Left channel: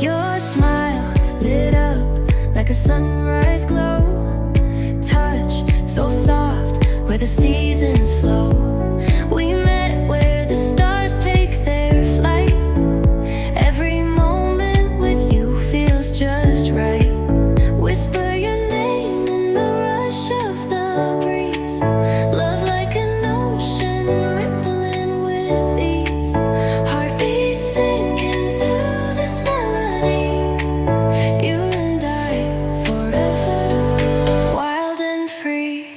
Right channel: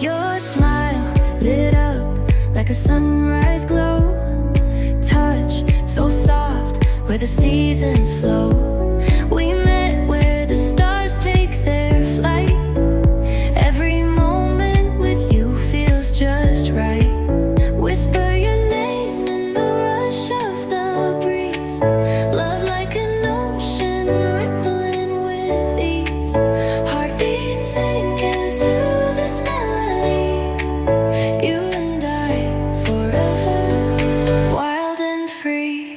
Your smile lit up like a sunrise glow. Touch so soft where the seasons flow. We met where the stars take their flight. Every moment with you feels just right. Whisper your name in the rush of the breeze. Love like an ocean rippling with ease. Heartbeats sink into this melody. You and I forever, wild and free.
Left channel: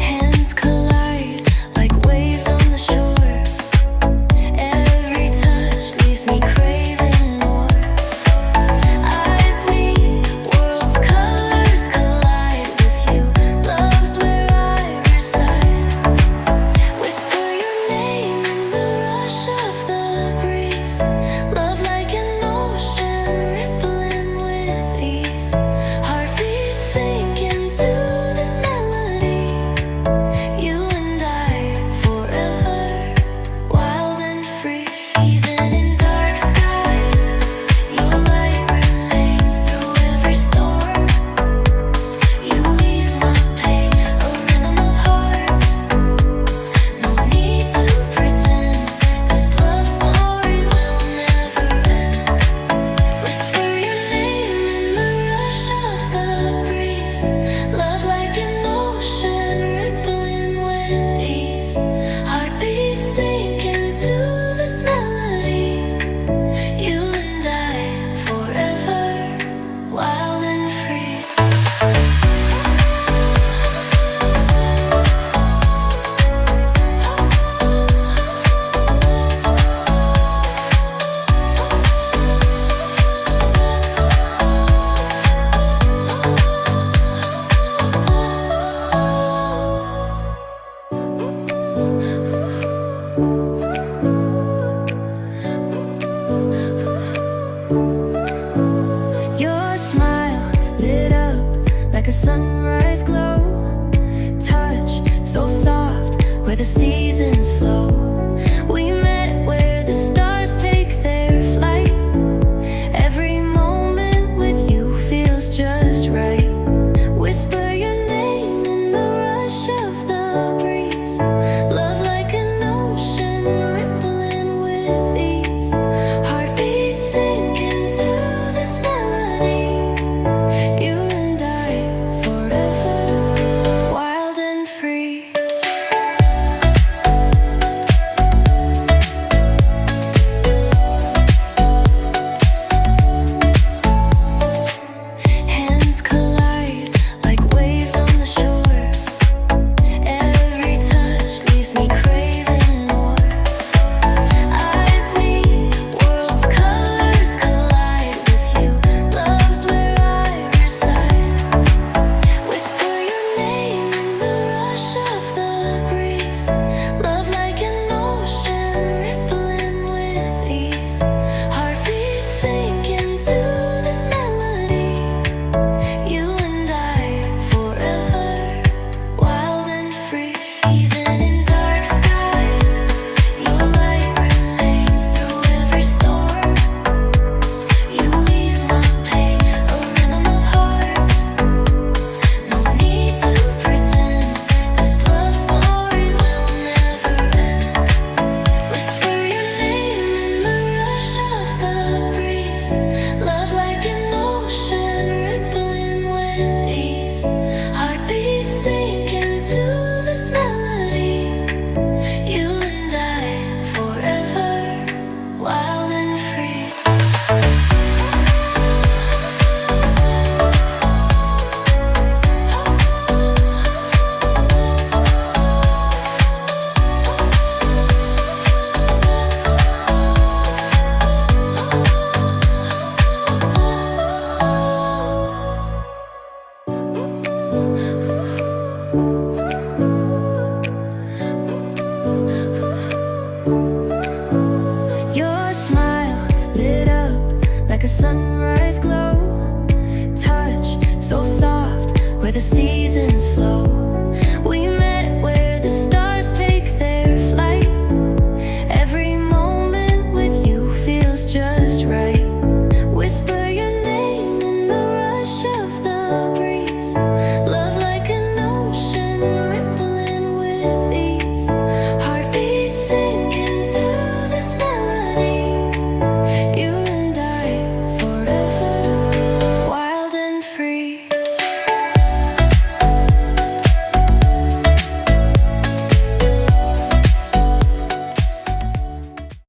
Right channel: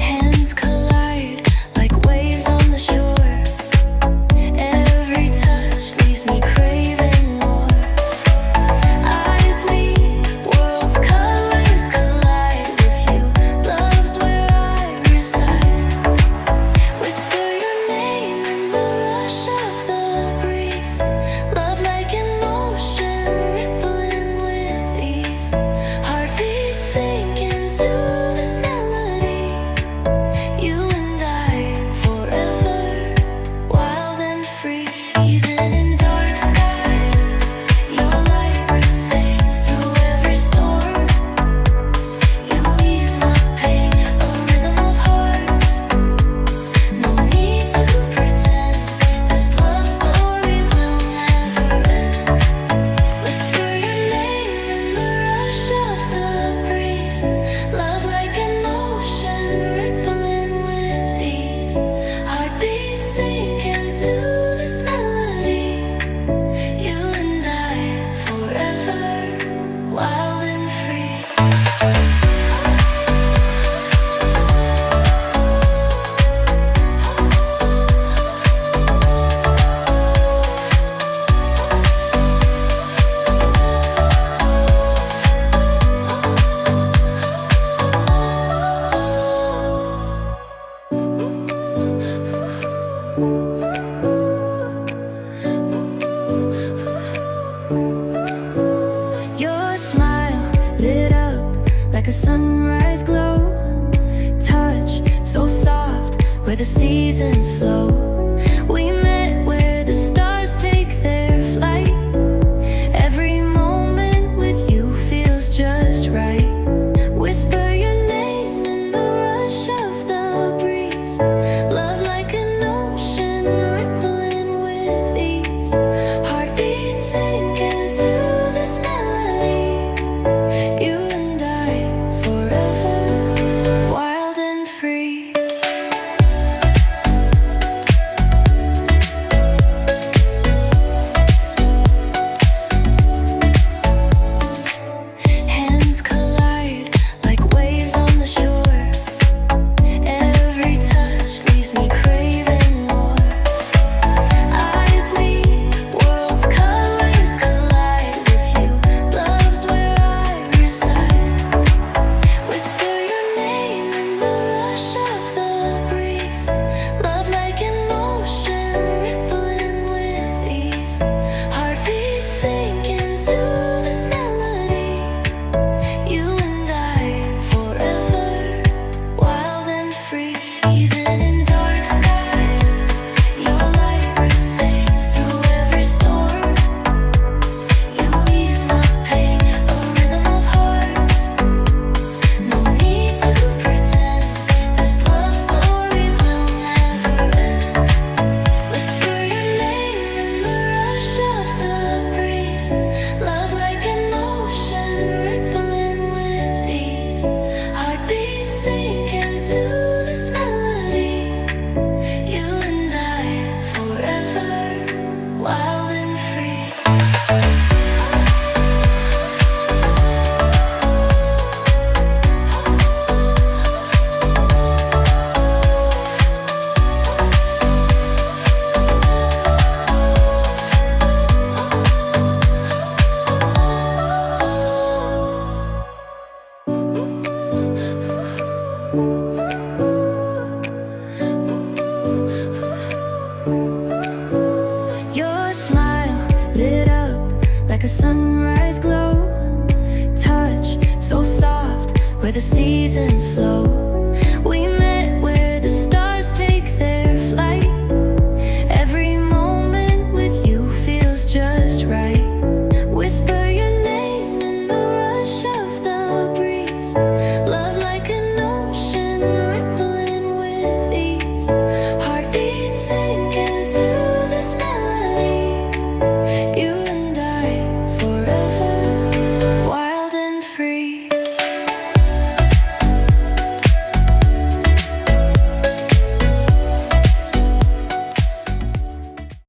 Hands collide like waves on the shore. Every touch leaves me craving more. Eyes meet, worlds' colors collide with you. Love's where I reside. Whisper your name in the rush of the breeze. Love like an ocean rippling with ease. Heartbeats sink into this melody. You and I forever, wild and free. Even in dark skies, your light remains through every storm. You ease my pain, a rhythm of hearts. No need to pretend, this love story will never end. Whisper your name in the rush of the breeze. Love like an ocean rippling with ease. Heartbeats sink into this melody. You and I forever, wild and free. Your smile lit up like a sunrise glow. Touch so soft where the seasons flow. We met where the stars take their flight. Every moment with you feels just right. Whisper your name in the rush of the breeze. Love like an ocean rippling with ease. Heartbeats sink into this melody. You and I forever, wild and free. Hands collide like waves on the shore. Every touch leaves me craving more. Eyes meet, worlds' colors collide with you. Love's where I reside. Whisper your name in the rush of the breeze. Love like an ocean rippling with ease. Heartbeats sink into this melody. You and I forever, wild and free. Even in dark skies, your light remains through every storm. You ease my pain, a rhythm of hearts. No need to pretend, this love story will never end. Whisper your name in the rush of the breeze. Love like an ocean rippling with ease. Heartbeats sink into this melody. You and I forever, wild and free. Your smile lit up like a sunrise glow. Touch so soft where the seasons flow. We met where the stars